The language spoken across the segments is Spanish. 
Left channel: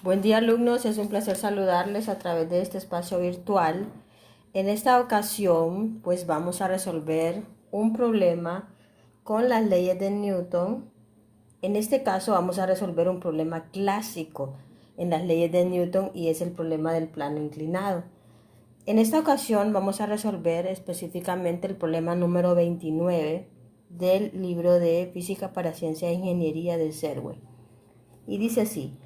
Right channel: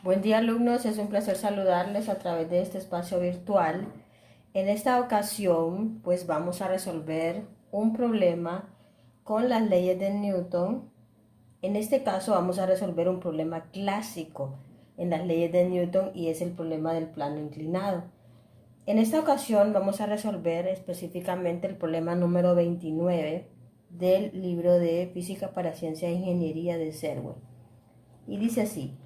Buen día, alumnos, es un placer saludarles a través de este espacio virtual. En esta ocasión pues vamos a resolver un problema con las leyes de Newton. En este caso vamos a resolver un problema clásico en las leyes de Newton y es el problema del plano inclinado. En esta ocasión vamos a resolver específicamente el problema número 29 del libro de Física para Ciencia e Ingeniería de Serway. Y dice así:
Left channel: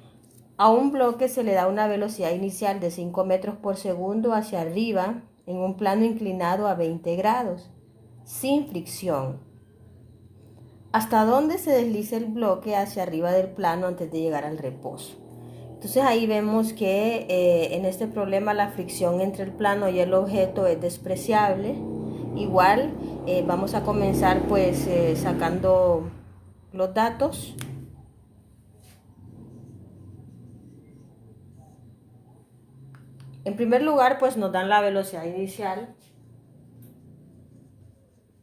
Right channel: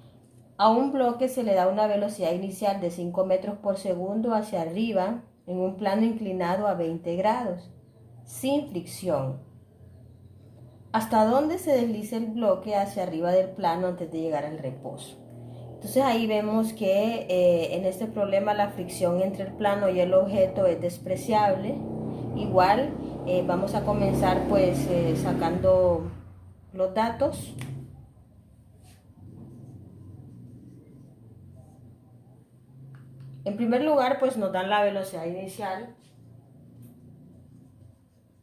a un bloque se le da una velocidad inicial de 5 metros por segundo hacia arriba en un plano inclinado a 20 grados, sin fricción. ¿Hasta dónde se desliza el bloque hacia arriba del plano antes de llegar al reposo? Entonces ahí vemos que en este problema la fricción entre el plano y el objeto es despreciable. Igual vamos a comenzar pues sacando los datos. En primer lugar, pues nos dan la velocidad inicial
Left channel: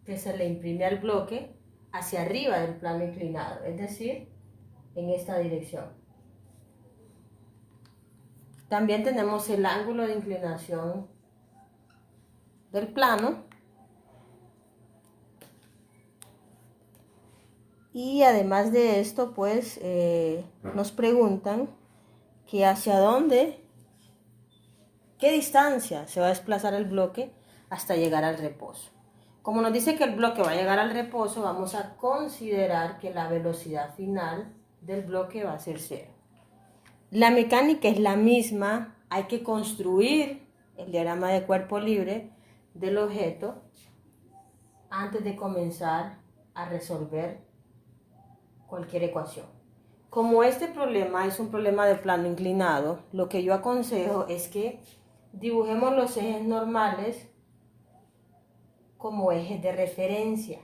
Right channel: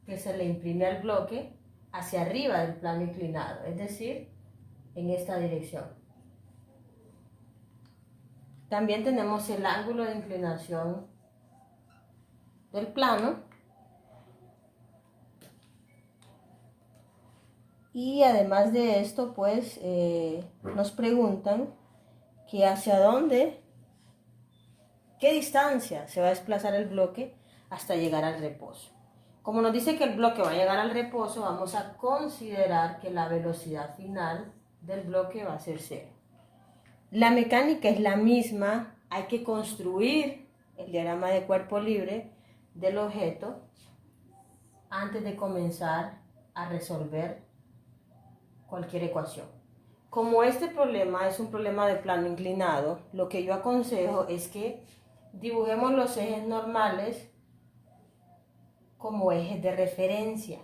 que se le imprime al bloque hacia arriba del plano inclinado, es decir, en esta dirección. También tenemos el ángulo de inclinación del plano y además de esto, pues nos preguntan que hacia dónde, qué distancia se va a desplazar el bloque hasta llegar al reposo. Como nos dice que el bloque va a llegar al reposo, vamos a considerar que la velocidad final del bloque va a ser cero. La mecánica es la misma, hay que construir el diagrama de cuerpo libre del objeto antes de comenzar a resolver cualquier ecuación. Como este problema es un problema de plano inclinado, lo que yo aconsejo es que dibujemos los ejes normales como ejes de referencia.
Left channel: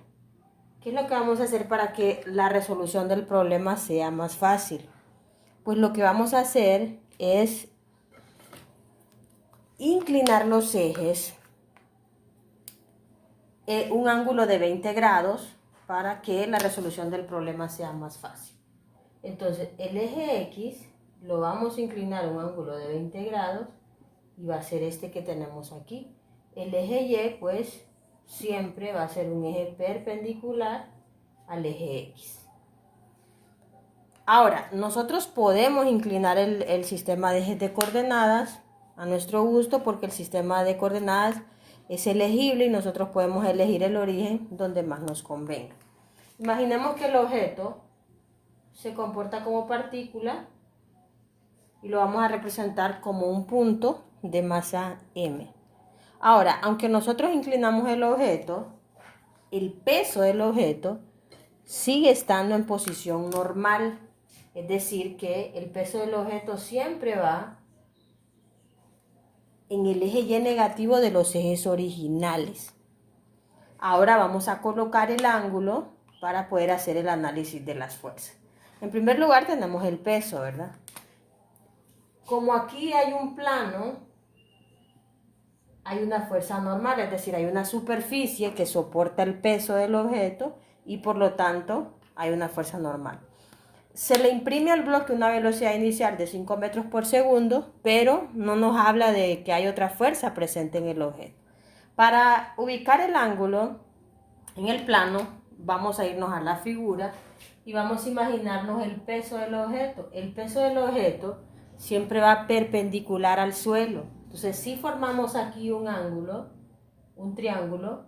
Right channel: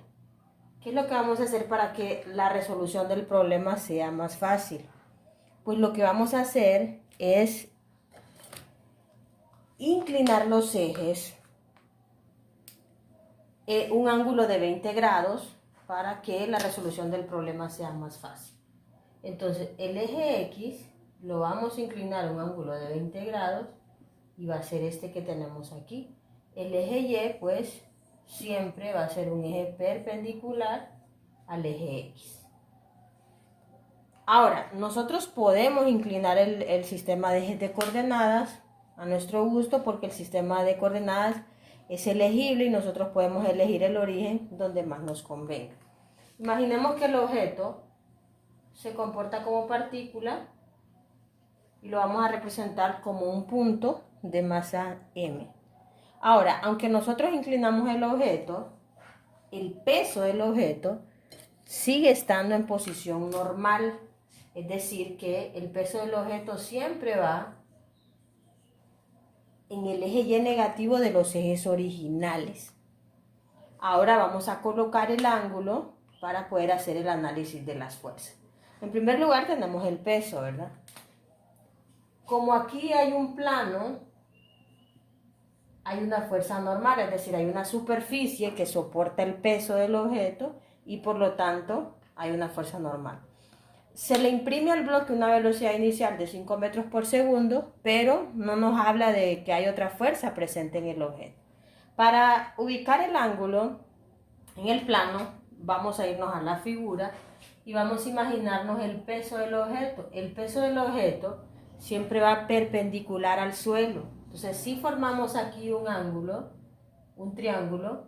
¿Qué es lo que vamos a hacer para que la resolución del problema sea más fácil? Pues lo que vamos a hacer es inclinar los ejes un ángulo de 20 grados para que la resolución del problema sea más fácil. Entonces el eje X lo vamos a inclinar a un ángulo de 20 grados y va a ser este que tenemos aquí. El eje Y pues siempre va a ser un eje perpendicular al eje X. Ahora, nosotros podemos inclinar el sistema de ejes de coordenadas a nuestro gusto porque el sistema de coordenadas es elegible y nosotros podemos elegir el origen donde más nos convenga. Imaginemos que el objeto se comporta como partícula y lo vamos a representar como un punto de masa m. Ahora, aunque nosotros inclinamos el objeto, el peso del objeto sigue estando en posición normal. Es decir, que el peso del objeto siempre va en el eje Y negativo de los ejes originales. Ahora vamos a colocar el ángulo para poder hacer el análisis de las fuerzas. En primer lugar tenemos el peso, ¿verdad? Como aquí hay un plano, hay una fuerza normal, es decir, hay una superficie que soporta el peso del objeto y por lo tanto hay una fuerza normal. Se le imprime al bloque una velocidad inicial de 5 metros por segundo, pero no nos habla de que hay otra fuerza presente en el objeto. Para ubicar el ángulo en el plano, vamos a irnos a la figura y vamos a imaginarnos el peso del objeto. El peso del objeto siempre va perpendicular al suelo. Entonces, si formamos aquí un ángulo, un triángulo,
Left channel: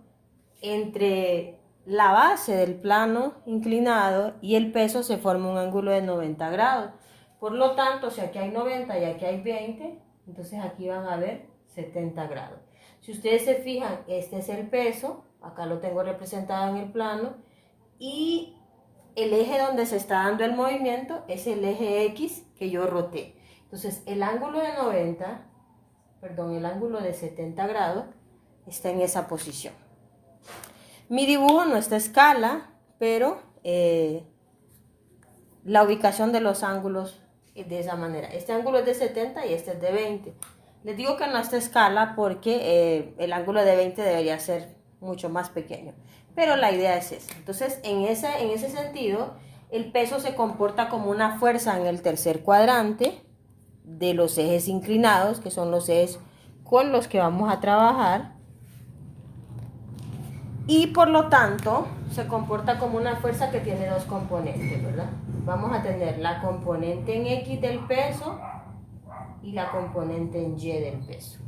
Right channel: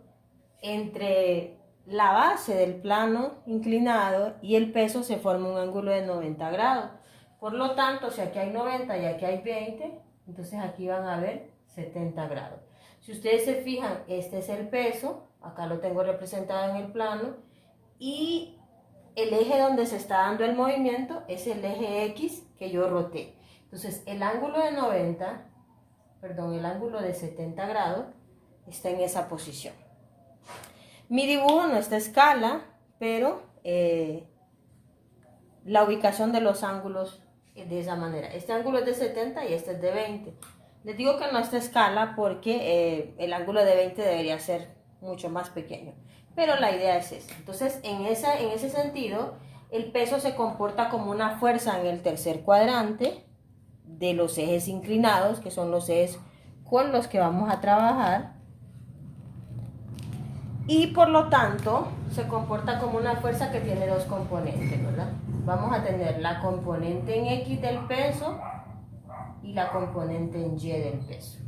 entre la base del plano inclinado y el peso se forma un ángulo de 90 grados. Por lo tanto, si aquí hay 90 y aquí hay 20, entonces aquí van a haber 70 grados. Si ustedes se fijan, este es el peso, acá lo tengo representado en el plano, y el eje donde se está dando el movimiento es el eje X que yo roté. Entonces, el ángulo de 90, perdón, el ángulo de 70 grados está en esa posición. Mi dibujo no está a escala, pero la ubicación de los ángulos es de esa manera. Este ángulo es de 70 y este es de 20. Les digo que no está a escala porque el ángulo de 20 debería ser mucho más pequeño. Pero la idea es esa. Entonces, en ese sentido, el peso se comporta como una fuerza en el tercer cuadrante de los ejes inclinados, que son los ejes con los que vamos a trabajar, y por lo tanto se comporta como una fuerza que tiene dos componentes, ¿verdad? Vamos a tener la componente en X del peso y la componente en Y del peso.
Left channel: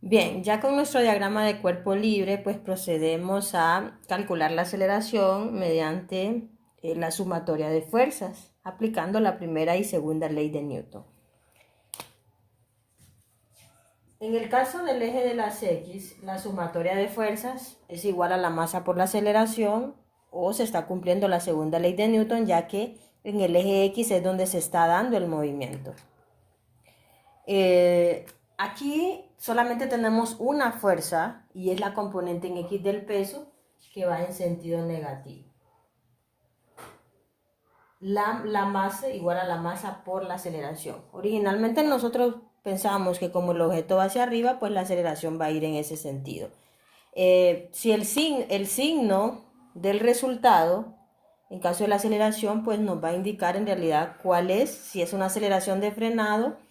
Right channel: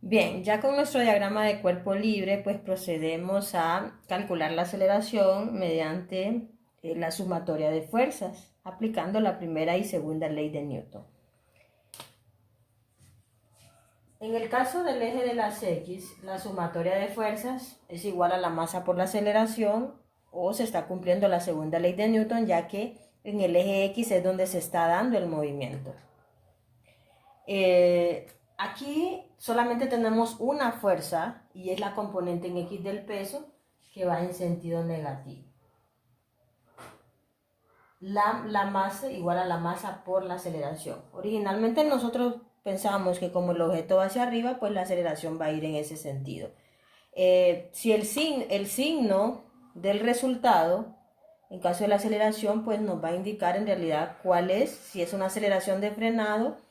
Bien, ya con nuestro diagrama de cuerpo libre, pues procedemos a calcular la aceleración mediante la sumatoria de fuerzas, aplicando la primera y segunda ley de Newton. En el caso del eje de las X, la sumatoria de fuerzas es igual a la masa por la aceleración, o se está cumpliendo la segunda ley de Newton, ya que en el eje X es donde se está dando el movimiento. Aquí solamente tenemos una fuerza y es la componente en X del peso que va en sentido negativo. La masa igual a la masa por la aceleración. Originalmente nosotros pensábamos que como el objeto va hacia arriba, pues la aceleración va a ir en ese sentido. Si el signo del resultado, en caso de la aceleración, pues nos va a indicar en realidad cuál es, si es una aceleración de frenado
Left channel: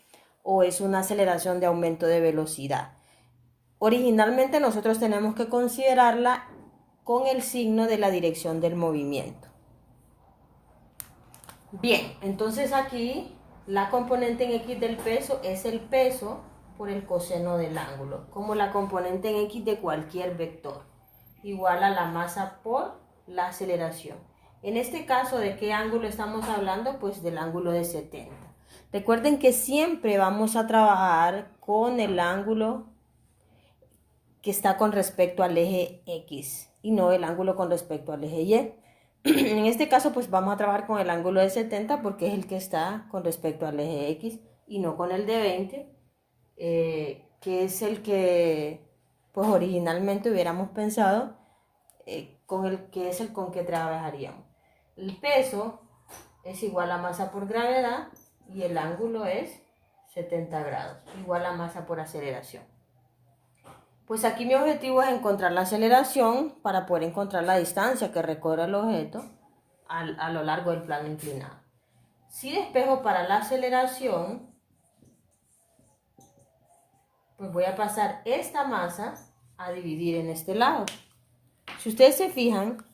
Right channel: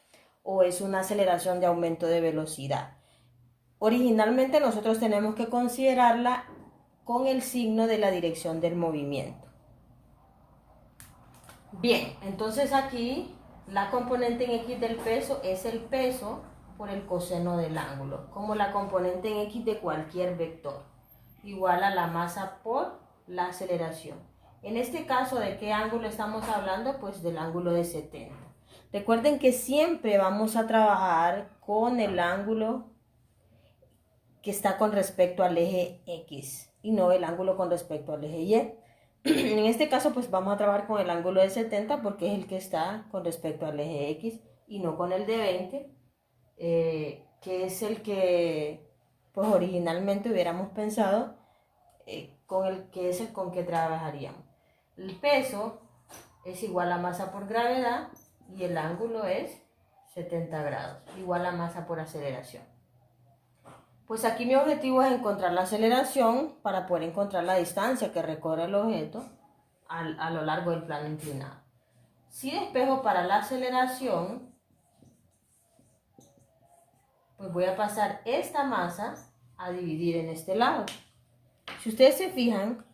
o es una aceleración de aumento de velocidad. Originalmente nosotros tenemos que considerarla con el signo de la dirección del movimiento. Bien, entonces aquí la componente en X del peso es el peso por el coseno del ángulo, como la componente en X de cualquier vector, igual a la masa por la aceleración. En este caso, ¿de qué ángulo estamos hablando? Pues del ángulo de 70. Recuerden que siempre vamos a trabajar con el ángulo que está con respecto al eje X y no el ángulo con respecto al eje Y. En este caso, pues vamos a trabajar con el ángulo de 70 porque es el que está con respecto al eje X y no con el de 20, que es el que pues originalmente hubiéramos pensado con el que es el con que trabajaríamos. El peso es igual a masa por gravedad y el ángulo es 70 grados, igual a masa por aceleración. Pues aquí mi objetivo es encontrar la aceleración para poder encontrar la distancia que recorre el objeto a lo largo del plano inclinado. Si despejo para la aceleración, pues voy a pasar esta masa a dividir en este lado. Si ustedes se fijan,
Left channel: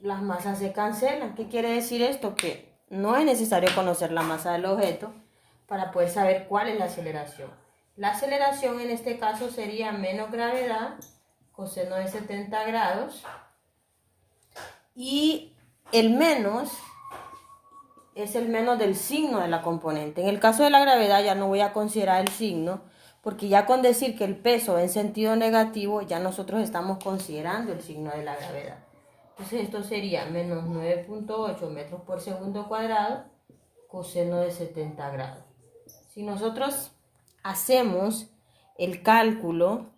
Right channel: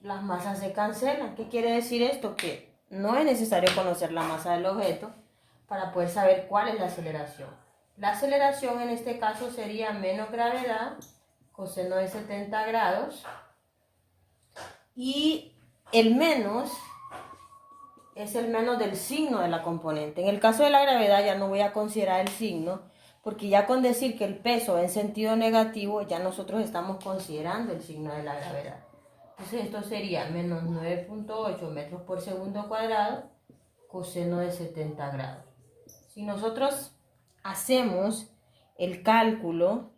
las masas se cancelan. ¿Qué quiere decir esto? Que no es necesario conocer la masa del objeto para poder saber cuál es la aceleración. La aceleración en este caso sería menos gravedad, coseno de 70 grados, y el menos es el menos del signo de la componente. En el caso de la gravedad ya no voy a considerar el signo, porque ya con decir que el peso va en sentido negativo, ya nosotros estamos considerando el signo de la gravedad. Entonces esto sería menos 9.8 metros por segundo cuadrado, coseno de 70 grados. Si nosotros hacemos el cálculo,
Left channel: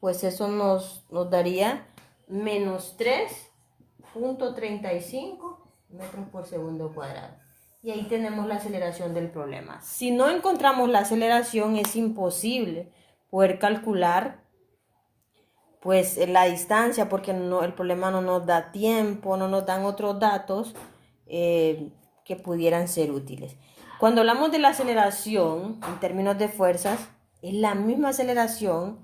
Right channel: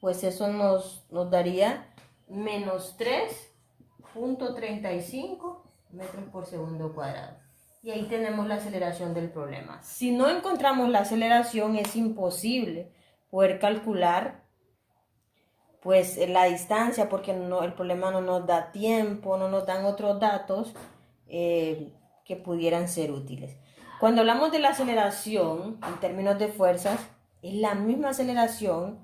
pues eso nos daría menos 3.35 metros por segundo cuadrado. Y ahí tenemos la aceleración del problema. Si no encontramos la aceleración, es imposible poder calcular pues la distancia, porque el problema no nos da tiempo, no nos dan otros datos que pudieran ser útiles. Cuando hablamos de la aceleración, en términos de fuerzas, es la misma aceleración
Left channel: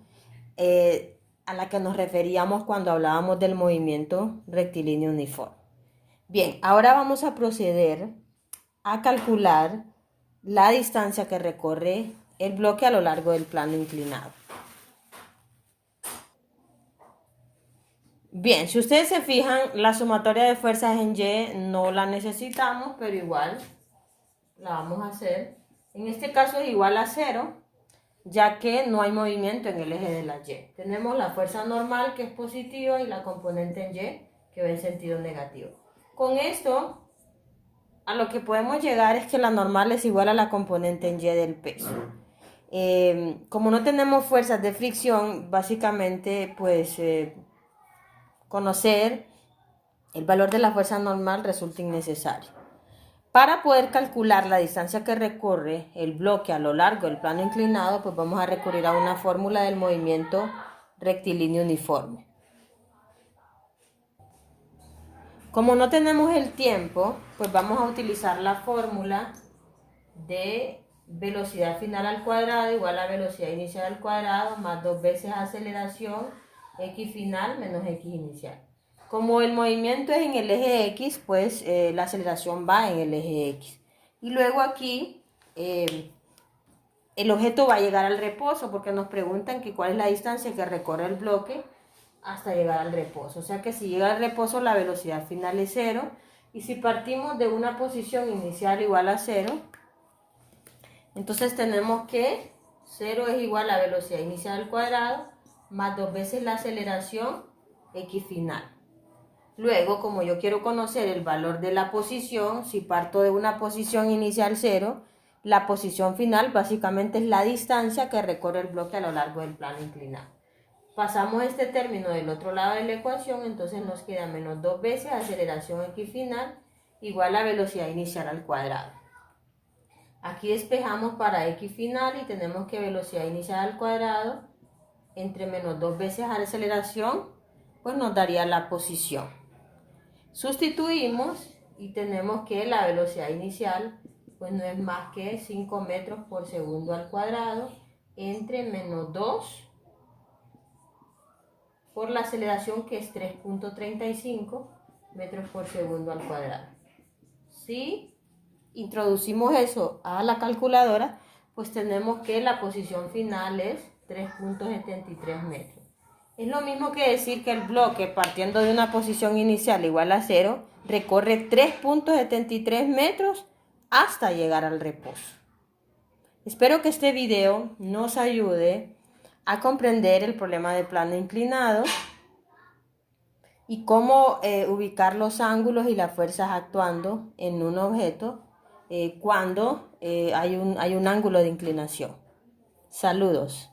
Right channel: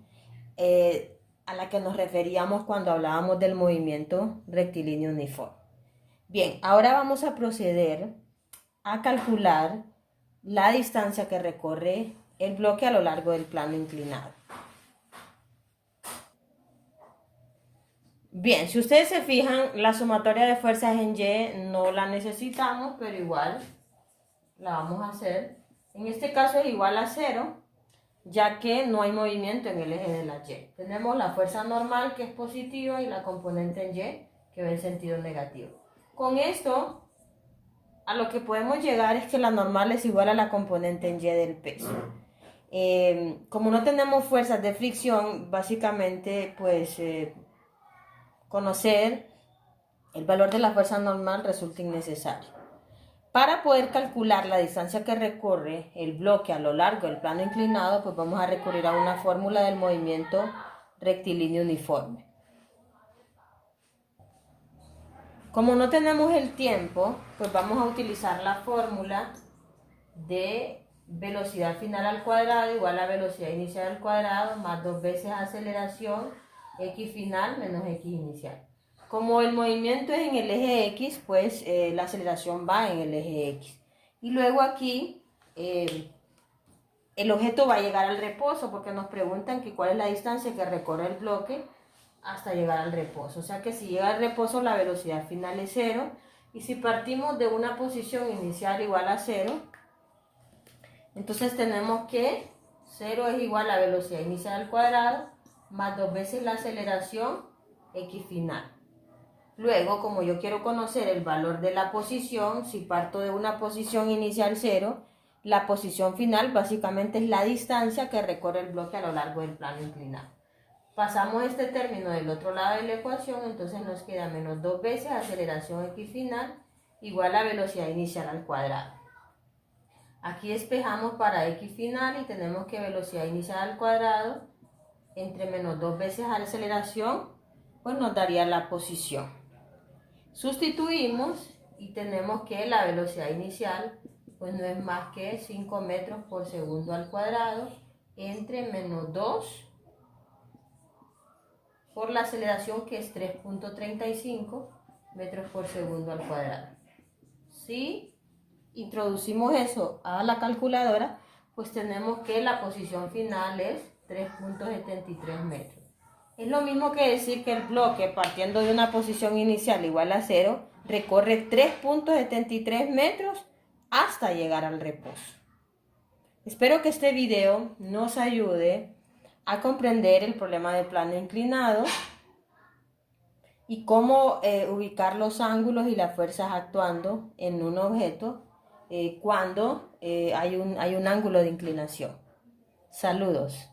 a la que nos referíamos cuando hablábamos del movimiento rectilíneo uniforme. Bien, ahora vamos a proceder a calcular la distancia que recorre el bloque a lo largo del plano inclinado. Bien, si ustedes se fijan, la sumatoria de fuerzas en Y no la necesitamos, pero igual la vamos a hacer. En este caso es igual a 0, ya que no hay movimiento en el eje de la Y. Tenemos la fuerza normal, que es positiva, y la componente en Y, que va en sentido negativo. Con esto, a lo que podemos llegar es que la normal es igual a la componente en Y del peso. Como no tenemos fuerzas de fricción, básicamente, pues conocer el valor de la fuerza normal resulta innecesario. Para poder calcular la distancia que recorre el bloque a lo largo del plano inclinado, pues vamos a recurrir a una fórmula del movimiento rectilíneo uniforme. Como no tenemos el tiempo, pues vamos a utilizar la fórmula de velocidad final al cuadrado igual a velocidad inicial al cuadrado más 2 veces aceleración x final menos x inicial. Como el movimiento es en el eje X, pues la aceleración va en el eje X. Y luego aquí el objeto va a llegar al reposo porque nos preguntan que cuál es la distancia que recorre el bloque hasta llegar al reposo. O sea que si llega al reposo la velocidad final es 0. Y si partimos de una posición inicial igual a 0, entonces tenemos que 0 es igual a velocidad inicial al cuadrado más 2 veces la aceleración x final. Luego, como yo quiero conocer el valor de la posición, si parto de una posición inicial 0, la posición final básicamente es la distancia que recorre el bloque a lo largo del plano inclinado. Pasamos este término del otro lado de la ecuación, entonces nos queda menos 2 veces aceleración x final igual a velocidad inicial al cuadrado. Aquí despejamos para x final y tenemos que velocidad inicial al cuadrado entre menos 2 veces aceleración, pues nos daría la posición. Sustituimos y tenemos que la velocidad inicial pues no es más que 5 metros por segundo al cuadrado entre menos 2 por la aceleración que es 3.35 metros por segundo al cuadrado. Si introducimos eso a la calculadora, pues tenemos que la posición final es 3.73 metros. Es lo mismo que decir que el bloque, partiendo de una posición inicial igual a 0, recorre 3.73 metros hasta llegar al reposo. Espero que este video nos ayude a comprender el problema de plano inclinado y cómo ubicar los ángulos y las fuerzas actuando en un objeto cuando hay un ángulo de inclinación. Saludos.